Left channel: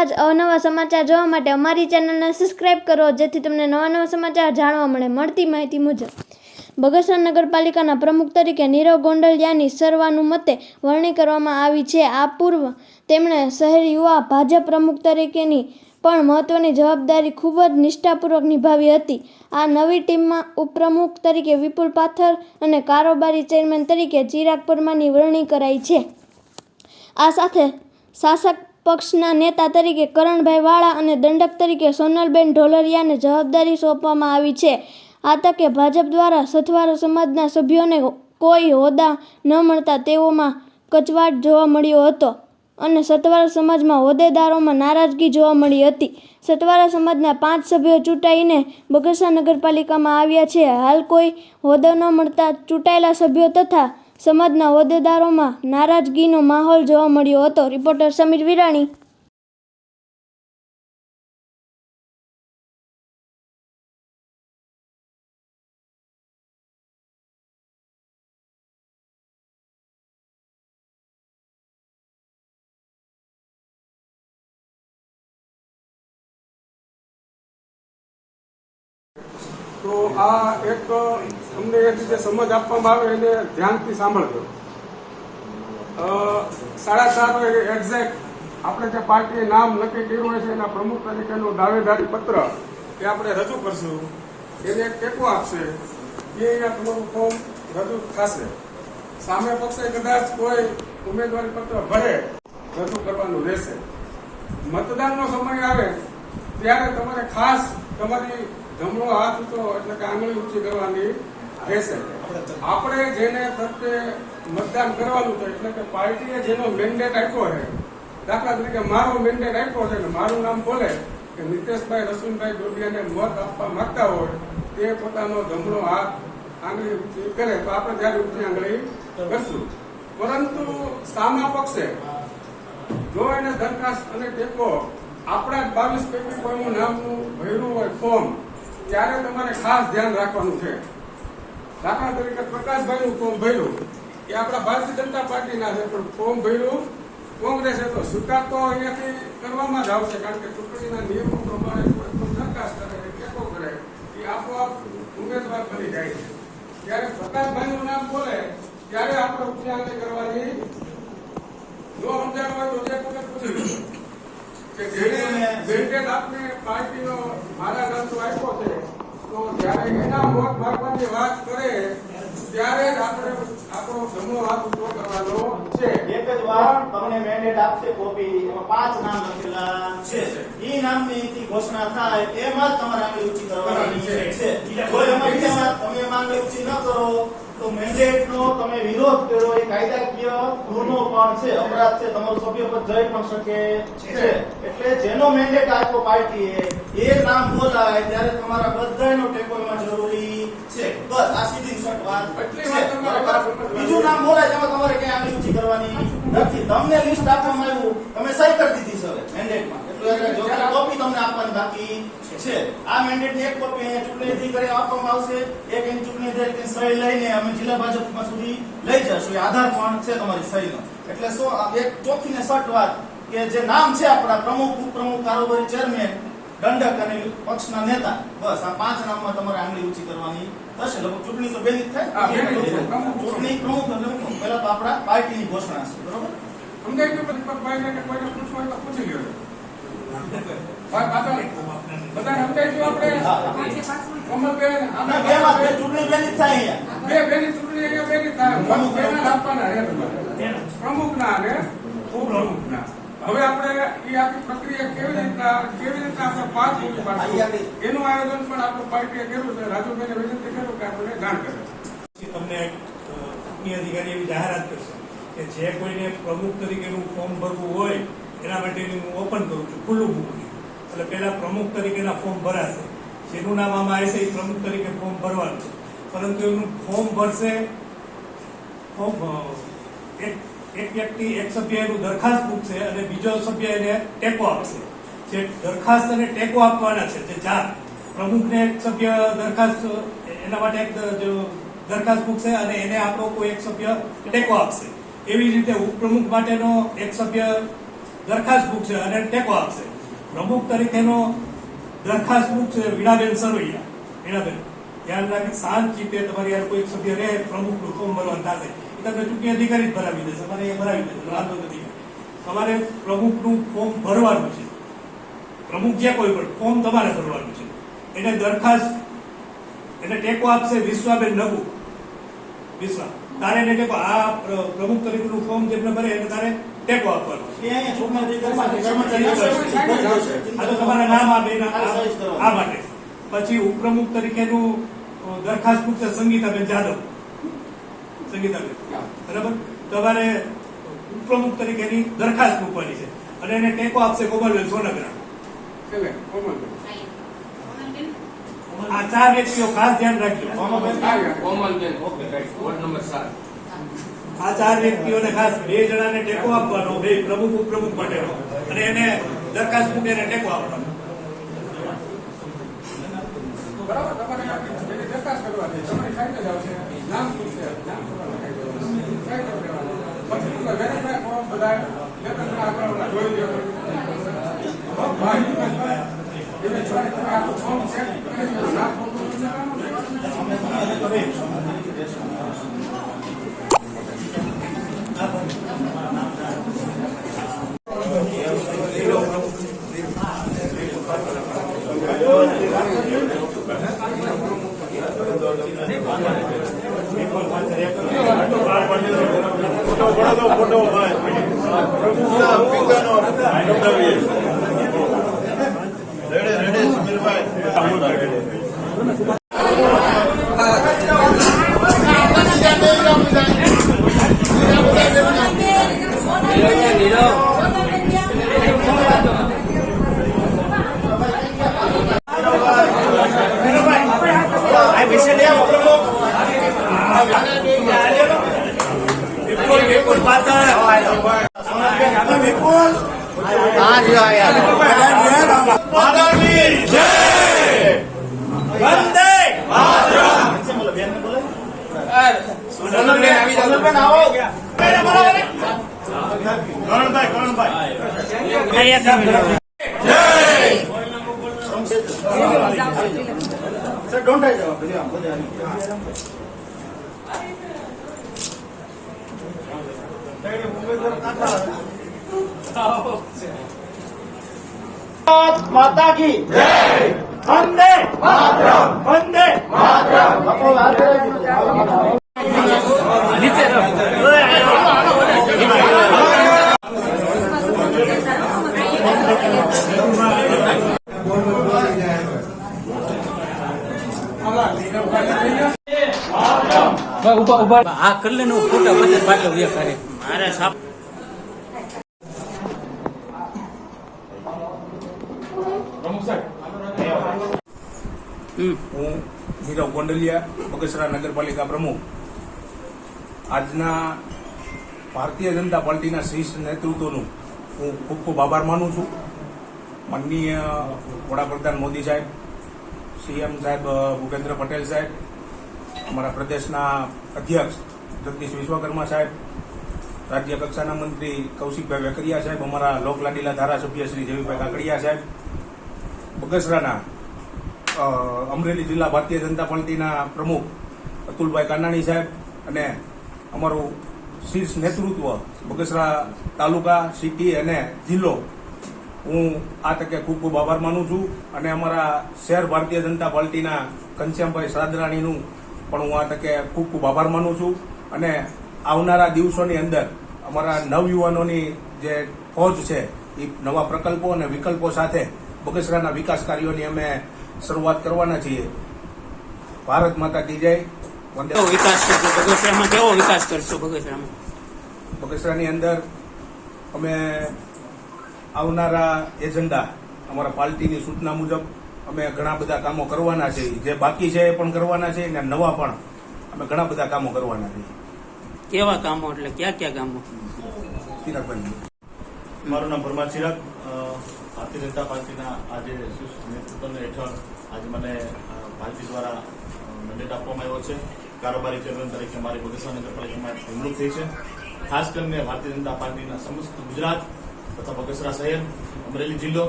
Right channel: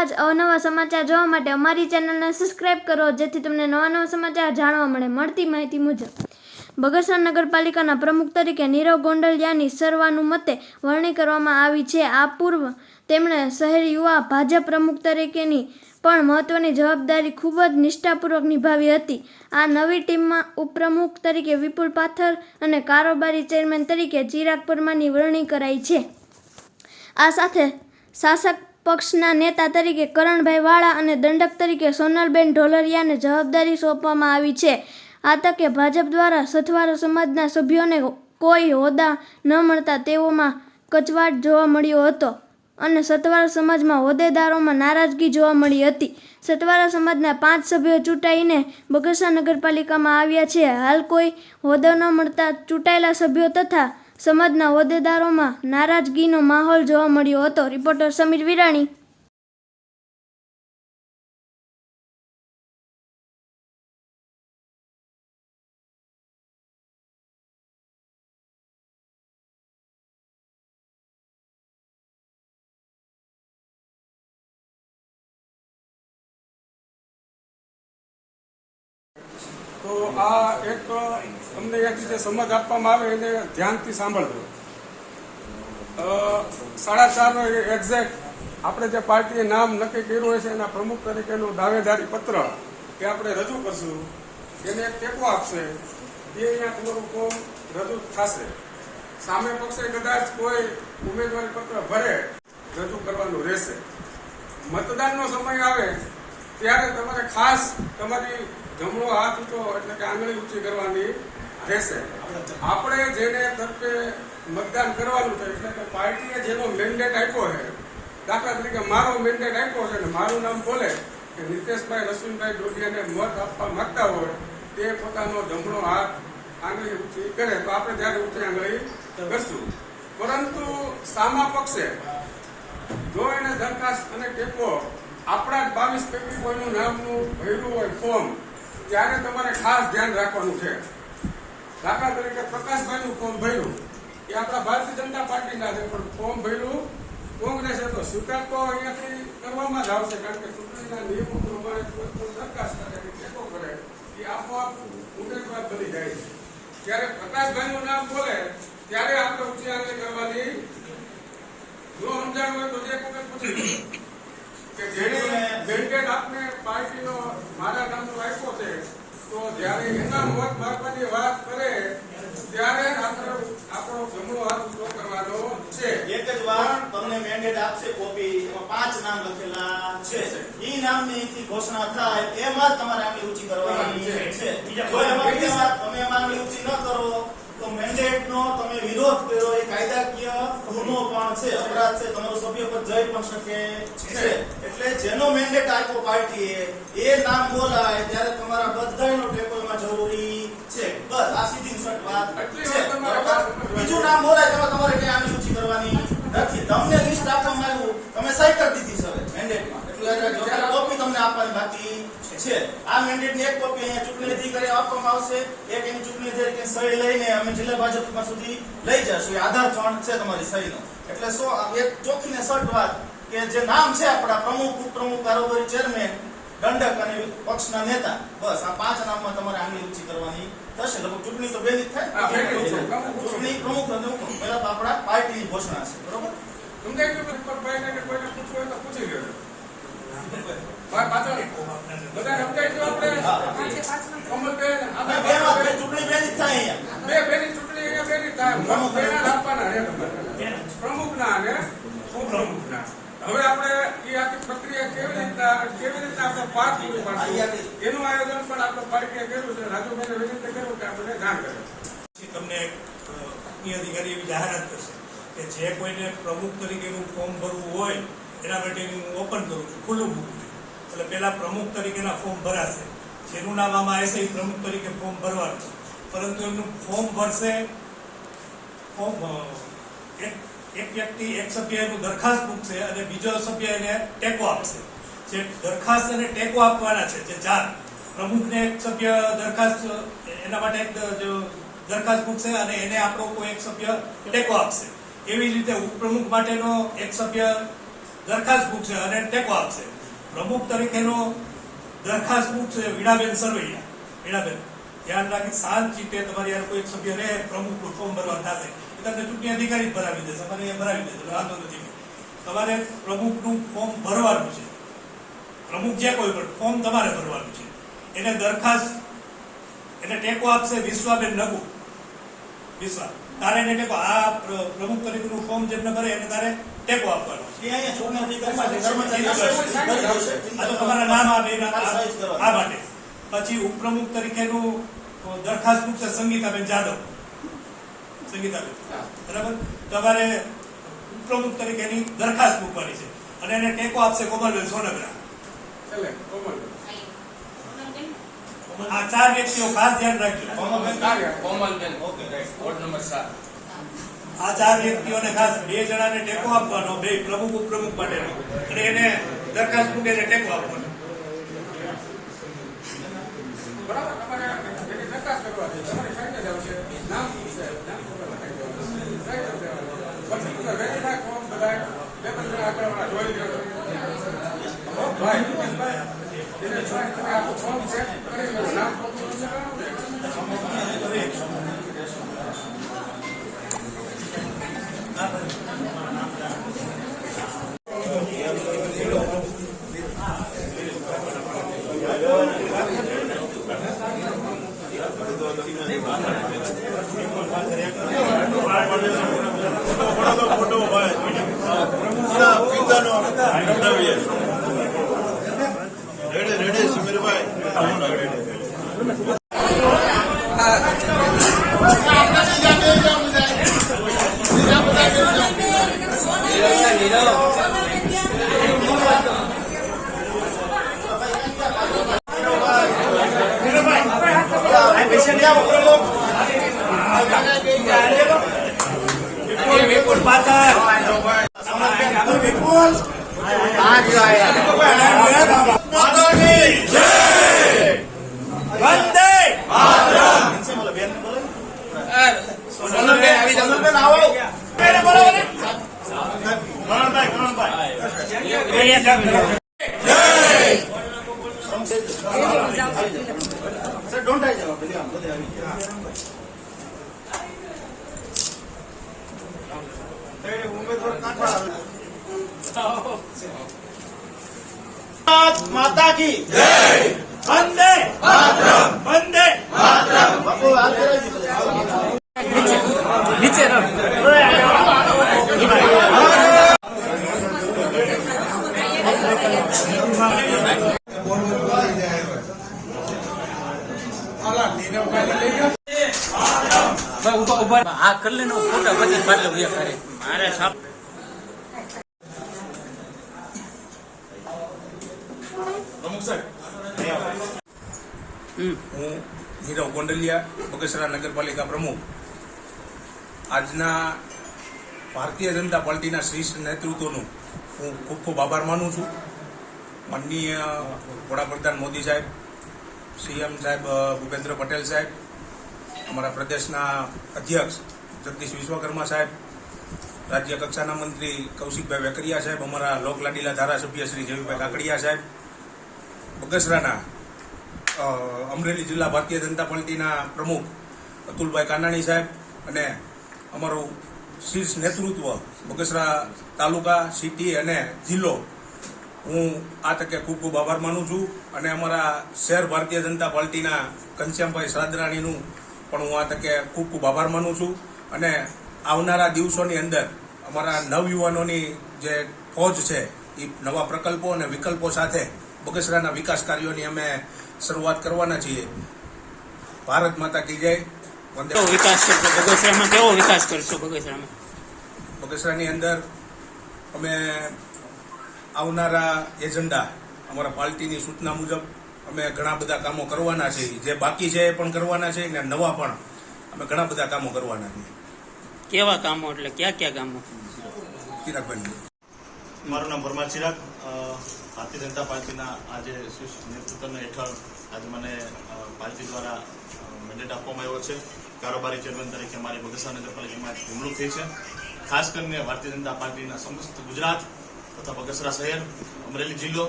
આજ અવનવા સમાચાર જોવા માટે અમારી ચેનલને સબસ્ક્રાઇબ કરો, જેથી તમને નવા સમાચાર જાણવા મળે. મળતી માહિતી મુજબ બગસરા નગરપાલિકાના પ્રમુખ તરીકે નીરવ ગોંડલિયાની સર્વાનુમતે વરણી કરવામાં આવી છે. આ પૂર્વ તેમણે શહેર યુવા ભાજપ પ્રમુખ તરીકેની પણ મહત્વની જવાબદારી ખૂબ જ નિષ્ઠાપૂર્વક નિભાવી હતી. આ નવી ટીમમાં ઉપપ્રમુખ તરીકે વિપુલ પાથર અને કારોબારી ચેરમેન તરીકે ચિરાગ પરમારની વરણી કરાઈ છે. આ સાથે શાસક પક્ષના નેતા તરીકે કરણભાઈ વાળા અને દંડક તરીકે સોનલબેન ઢોલરિયાને જવાબદારી સોંપવામાં આવી છે. આ તકે ભાજપ દ્વારા સથવારા સમાજના સભ્યોને કોઈ હોદ્દા ન મળતા તેઓમાં કચવાટ જોવા મળ્યો હતો અને સથવારા સમાજમાં હોદ્દેદારોમાં નારાજગી જોવા મળી હતી. સથવારા સમાજના 5 સભ્યો ચૂંટાઈને બગસરા નગરપાલિકામાં આવ્યા છે. હાલ કોઈ હોદ્દો ન મળતા ચૂંટાયેલા સભ્યો તથા સમાજના હોદ્દેદારોમાં નારાજગીનો માહોલ જોવા મળ્યો હતો. રિપોર્ટર સમીર વિરાણી. તો આ એક અમને એક જે સમજ આપવામાં આવે એને ધ્યાનથી સાંભળજો. 4:30 એક્ઝેક્ટ આપણે જે પાર્ટીએ નામ નક્કી કર્યું હોય છે એના પ્રમુખ તરીકેનું દાવેદારી પત્ર એ આપણે રજૂ કરશું. એને એક ટેકો આપશે એ અહીંયા તમારું ફોર્મ રજૂ થશે. સામે પક્ષે કદાચ કોઈ ઉમેદવારી પત્ર ભરે રજૂ કરવાનું રહેશે. મતદાનનો સમય આવે ત્યારે તમારે ખાસ તમારી જમણો હાથ ઊંચો એટલે કે આંગળી ઊંચી કરવાની રહેશે. આપણે જેને તરફે મતદાન કરવાનું છે એટલે કે પાર્ટીએ જેનો મેન્ડેટ આપ્યો છે, દાખલા તરીકે મારો મેન્ડેટ આપ્યો છે ને મારું નામ બોલે કે નીતેશભાઈ રસુલભાઈ ડોડિયાને મત આપવા માંગતા હોય તે પોતાનો જમણો હાથ આંગળી ઊંચી કરે તો આપણે ત્યારે ઊંચી આંગળી કરશું. પરંતુ સામા પક્ષે જો એને દરખાસ્ત અને ટેકો આપણા 22 પૈકી કોઈનું નામનું ભર્યું હોય ફોર્મ ત્યારે તમારે ખાસ ધ્યાન રાખવાનું છે. દાખલા તરીકે પ્રકાશભાઈનું ફોર્મ ભર્યું એ આપણા ભારતીય જનતા પાર્ટીના છે, પણ ફોર્મ ભર્યું કોંગ્રેસ તો સ્વીકાર તો અહીંયાથી કરવામાં જ આવશે, કારણ કે ચૂંટણીના નિયમો પ્રમાણે દરખાસ્ત કરે ટેકો કરે એ આપોઆપ ઉમેદવાર બની જાય છે. ત્યારે પ્રકાશભાઈનું નામ બોલે ત્યારે આપણે ઊંચી આંગળી કરવાની. જો સમજાય હોય તો એક વખત પૂછી લો કે જેને મેન્ડેટ આપને પાર્ટીનો મારા નામનો આપ્યો છે તો જયારે એના મત માગવાની વાત કરે ત્યારે જ આપણે આપણો જમણો હાથ ઊંચો કરવાનો છે. એક જ વાર તમને મેન્ડેટ આપશે કોપી, એમાં 5 નામ લખેલા છે. ઈ નામની ઘોષણા થાય એમાં જ તમારે આંગળી ઊંચી કરવાની છે. તમે આંગળી ઊંચી ન કરો તો મેન્ડેટ નો તમે વિરોધ કર્યો એ કાયદાકીય ગુનો પણ છે, અપરાધ છે, તમારું સભ્યપદ જઈ પણ શકે છે. એટલે જેનો મેન્ડેટ આપ્યો પાર્ટીએ એ નામ બોલાય ત્યારે તમારા બધાનો ટેકો એમાં જરૂરી છે. બસ આ સીધી શર્ટ વાત છે. બીજું નામ બોલાય તેમાં તમારે ક્યાં આંગળી ઊંચી કરવાની નથી. તમને લિસ્ટ આપવામાં આવ્યું, તમે સહી કરી દીધી છે હવે મેન્ડેટમાં, એટલે કોપી તમને આપવાની બાકી છે. આ મેન્ડેટ ની એક કોપી અહીંયા ચૂંટણી અધિકારી આપવામાં આવશે, એક એની ચૂંટણી અધિકારી સહી લઈને અમે જિલ્લા ભાજપમાં સુધી લઈ જશું. એ આધાર પણ છે તમારી સહીનો. એટલે એક ચોખ્ખી ને સટ વાત કે જે નામ છે આપણા પ્રમુખ, ઉપપ્રમુખ, કારોબારી ચેરમેન, દંડક અને પક્ષના નેતા, બસ આ 5 નામમાં તમારે આંગળી ઊંચી કરવાની થશે. લગભગ ચૂંટણી તો બેની જ થાય. ચૂંટણી પ્રમુખ પહેલા તો આપણા પાર્ટીની ઘોષણા છે. બરોબર સમજાય કે ભાઈને કે કોઈને પૂછવું હોય તો પૂછી લ્યો. બધા સમજાય તો આપણે ચૂંટણી બેની જ થાય. બે બેની ચૂંટણી અહીંયા બેની થાય. પ્રમુખ આપવાના રહે તમારે, પ્રમુખના અને ઉપપ્રમુખના. હવે આપણે એ આખી પ્રક્રિયા કેવી રીતના આપણે પાસ પૂરી પાડશું એનું આયોજન પણ આપણે પાર્ટીએ કર્યું છે. રાજુભાઈને વિનંતી કર્યું કે આપણે જાણ કરે. તમને ચૂંટણી અધિકારી એવી જાહેરાત કરશે કે જે કોઈને પ્રમુખ તરીકેનું ફોર્મ ભરવું હોય એના માટેનું હું ઓપન કરું છું, ખુલ્લું મૂકું છું. એટલે પેલા પ્રમુખ તરીકેના ફોર્મ ભરાશે, જેનું નામ આમાં આવશે એ પ્રમુખ તરીકે ફોર્મ ભરવાનું. પરંતુ એનું ફોર્મ ભરશે, એક વ્યક્તિ, એક સભ્ય એનું દરખાસ્ત મૂકશે અને બીજો સભ્ય એને ટેકો આપશે. જે દરખાસ્ત અને ટેકો આપવાના છે, જે 4 પ્રમુખને એક સભ્ય દરખાસ્ત એના માટે એક દરખાસ્ત મૂકશે અને એને આપણો કોઈ એક સભ્ય ટેકો આપશે. એવી રીતે ઉપપ્રમુખ માટેનો એક સભ્ય દરખાસ્ત મૂકશે અને ટેકો આપશે. પ્રમુખ તરીકેનો દરખાસ્ત મૂકશે વીણાબેન સરવૈયા. વીણાબેન ધ્યાન રાખી શાંત ચિત્તે તમારી યાર કોઈ સભ્ય રહે પ્રમુખનું ફોર્મ ભરવાનું થશે એ તમને ચૂંટણી અધિકારી જ ભરાવી દેશે. અમારે એ ભરાવી દેશે, વાંધો નથી. તમારે પ્રમુખનું ફોર્મ ભરવાનું છે. પ્રમુખ જે કોઈ પણ ફોર્મ તમારે ભરવાનું છે. એને દરખાસ્ત એને ટેકો આપશે વિશ્વાબેન નગુ. વિશ્વા તારે એને ટેકો આ પ્રમુખ તરીકેનું ફોર્મ જેમને ભરે એને તારે ટેકો આપવાનો. એ અહીંયા છોકરાથી કર્મચારી આ તો તમારા નામ આપે આ માટે. પછી ઉપપ્રમુખ તરીકેનું દરખાસ્ત મૂકશે સંગીતાબેન જાદવ. સંગીતાબેન બરાબર. તમારે ઉપપ્રમુખ તરીકેની દરખાસ્ત મૂકવાની છે અને એને ટેકો આપશે કોમલબેન સોનગરા. છેલ્લે કોમલબેન. આ 4 વ્યક્તિઓ ખાસ ધ્યાન રાખજો. Komalben okay right ward number 7. આ 4 વ્યક્તિઓને ખાસ 2 જણાને ટેકો આપવાનો, 2 પ્રમુખ ઉપપ્રમુખ માટેનો, અને એને દરખાસ્ત મૂકીને ટેકો આપવાનો. બરાબર, તમારે એને દરખાસ્ત કરવા છે. તમારી સાઈડ જ આવશે, નામ પૂછશે, નામ પૂરા લખાઈ દેવાનું. સાઈડ જ દેવાનું. પછી બધા વેરીફાઈ ફોર્મ બધા આગળ જોઈ લો. ભાઈ એને જોઈ તમે આખું ફોર્મ ચેક કરી લો. નામ સર ડોન્ટ આઈ જાવ બધે આમ બધે આવી ગયા. માતા કી જય. વંદે માતરમ. વંદે માતરમ. બાપુ હાથ નીચે આ કરી લે ને ફોટા બધા પાટલો વ્યા કરે મારે સાપ. પ્રમુખ સાહેબ, હું નીરવ ગોંડલિયા, બગસરા નગરપાલિકા પ્રમુખ. આજના ભારતીય જનતા પાર્ટીના શ્રેષ્ઠ નેતૃત્વનું હું ખૂબ ખૂબ આભાર માનું છું. માનનીય વડાપ્રધાન મોદી સાહેબ, સીએમ સાહેબ ભૂપેન્દ્ર પટેલ સાહેબ, અમારા પ્રદેશના અધ્યક્ષ જગદીશ વિશ્વકર્મા સાહેબ, રાજ્ય કક્ષાના મંત્રી કૌશિકભાઈ વેકરિયા સાહેબ, અમારા લોકલાડીલા ધારાસભ્ય શ્રી જયભાઈ કાકડિયા સાહેબ, બગસરાના અમરેલી જિલ્લા ભારતીય જનતા પાર્ટીના પ્રમુખ અતુલભાઈ કાનાણી સાહેબ, અને અમારું શીર્ષ નેતૃત્વ બગસરા તાલુકા, સિટી અને જિલ્લો, હું આ તકે ખૂબ ખૂબ આભાર માનું છું. અને અમારા શહેર ભારતીય જનતા પાર્ટીના ઘનશ્યામભાઈ સાદરાણીનું પણ હું આ તકે ખૂબ ખૂબ આભાર માનું છું. અને આવનારા દિવસોની અંદર અમારા નવયુવાનોની જે ફોજ છે એ નવા પ્રકલ્પો અને વિકલ્પો સાથે બગસરાના વિકાસ કાર્યોની અમે શરૂઆત કરવાના છીએ. ભારત માતા કી જય. કેવો વિકાસ કરશો બગસરામાં? કેવો વિકાસ કરશો બગસરામાં? બગસરાની અંદર અમે આવનારા એજન્ડા અમારા પાર્ટીની સૂચના મુજબ અમે ઘણા બધા કામો કરવાના છે. જે બાકી છે એ પણ કરવાના છે અને નવા પણ અમે ઘણા બધા કામો કરવાના છે. કેવા કામો એટલે ક્યાં કામો? ચિરાગભાઈ. મારું નામ પરમાર ચિરાગ. ભારતીય જનતા પાર્ટીના આજે નેતૃત્વ હેઠળ આજે મને પાર્ટી દ્વારા મેન્ડેટ આપવામાં આવ્યો છે. કારોબારી ચેરમેન તરીકે મારી બગસરા નગરપાલિકામાં નિમણૂક થઈ છે. ખાસ કરીને ભારતીય જનતા પાર્ટીના સમસ્ત ગુજરાત તથા બગસરા શહેર, અમરેલી જિલ્લો,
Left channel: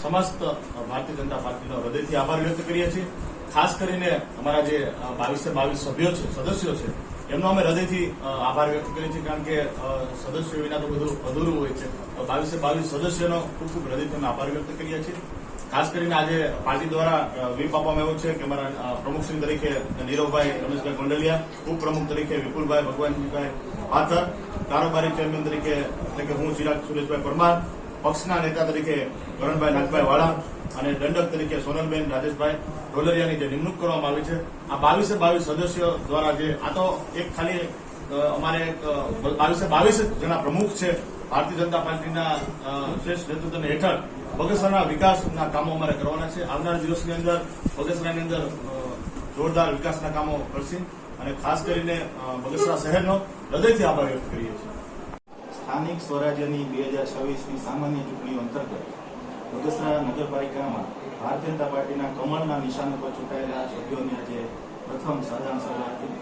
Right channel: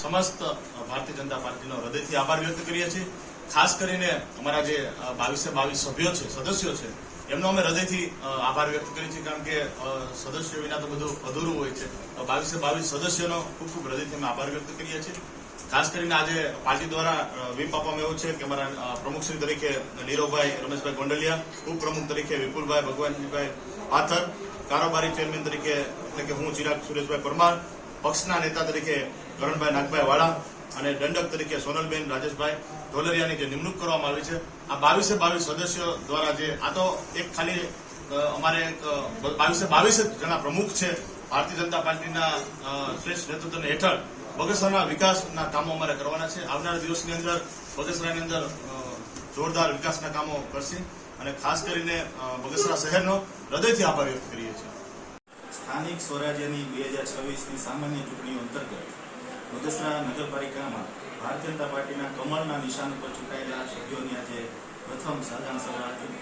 સમસ્ત ભારતીય જનતા પાર્ટીનો હૃદયથી આભાર વ્યક્ત કરીએ છીએ. ખાસ કરીને અમારા જે 22 સભ્યો છે, સદસ્યો છે, એમનો અમે હૃદયથી આભાર વ્યક્ત કરીએ છીએ, કારણ કે સદસ્યો વિના તો બધું અધૂરું હોય છે. 22 સદસ્યોનો ખૂબ ખૂબ હૃદયથી અમે આભાર વ્યક્ત કરીએ છીએ. ખાસ કરીને આજે પાર્ટી દ્વારા વ્હીપ આપવામાં આવ્યો છે કે અમારા પ્રમુખશ્રી તરીકે નીરવભાઈ રમેશભાઈ ગોંડલિયા, ઉપપ્રમુખ તરીકે વિપુલભાઈ ભગવાનજીભાઈ પાથર, કારોબારી ચેરમેન તરીકે એટલે કે હું ચિરાગ સુરેશભાઈ પરમાર, પક્ષના નેતા તરીકે કરણભાઈ નાગભાઈ વાળા અને દંડક તરીકે સોનલબેન રાજેશભાઈ ઢોલરિયાની જે નિમણૂક કરવામાં આવી છે. આ 22 સદસ્યો દ્વારા જે આ તો એક ખાલી અમારે 22 જણા પ્રમુખ છે. ભારતીય જનતા પાર્ટીના શ્રેષ્ઠ નેતૃત્વ હેઠળ બગસરાના વિકાસના કામો અમારે કરવાના છે. આવનારા દિવસની અંદર બગસરાની અંદર જોરદાર વિકાસના કામો કરશે અને ખાસ કરીને બગસરા શહેરનો હૃદયથી આભાર વ્યક્ત કરીએ છીએ. સ્થાનિક સ્વરાજ્યની 2026ની સામાન્ય ચૂંટણીઓ અંતર્ગત બગસરા નગરપાલિકામાં ભારતીય જનતા પાર્ટીના કમળના નિશાન ઉપર ચૂંટાયેલા સભ્યોની આજે પ્રથમ સાધારણ સભા હતી.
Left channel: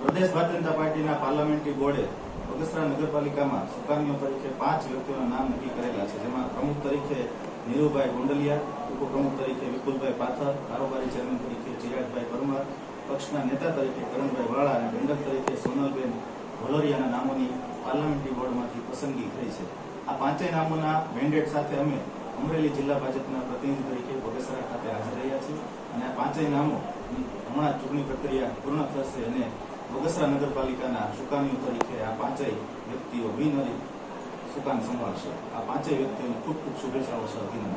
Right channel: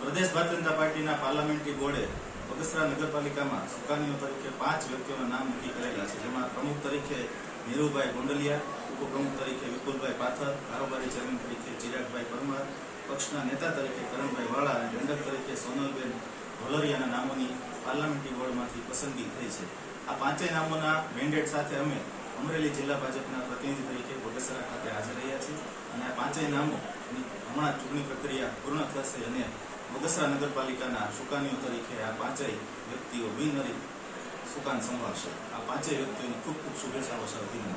પ્રદેશ ભારતીય જનતા પાર્ટીના પાર્લામેન્ટરી બોર્ડે બગસરા નગરપાલિકામાં સુકાનીઓ તરીકે 5 વ્યક્તિઓના નામ નક્કી કરેલા છે, જેમાં પ્રમુખ તરીકે નીરુભાઈ ગોંડલિયા, ઉપપ્રમુખ તરીકે વિપુલભાઈ પાથર, કારોબારી ચેરમેન તરીકે ચિરાગભાઈ પરમાર, પક્ષના નેતા તરીકે કરણભાઈ વાળા અને દંડક તરીકે સોનલબેન ઢોલરિયાના નામોની પાર્લામેન્ટરી બોર્ડમાંથી પસંદગી થઈ છે. આ 5 નામોના મેન્ડેટ સાથે અમે અમરેલી જિલ્લા ભાજપના પ્રતિનિધિ તરીકે બગસરા ખાતે હાજર રહ્યા છીએ અને આ 5 નામો હમણાં ચૂંટણી પ્રક્રિયા પૂર્ણ થશે અને બગસરા નગરપાલિકાના સુકાનીઓ તરીકે આ 5 વ્યક્તિઓ બિનહરીફ સુકાન સંભાળશે. આ 5 વ્યક્તિઓની ખૂબ ખૂબ શુભેચ્છાઓ છે. અભિનંદન.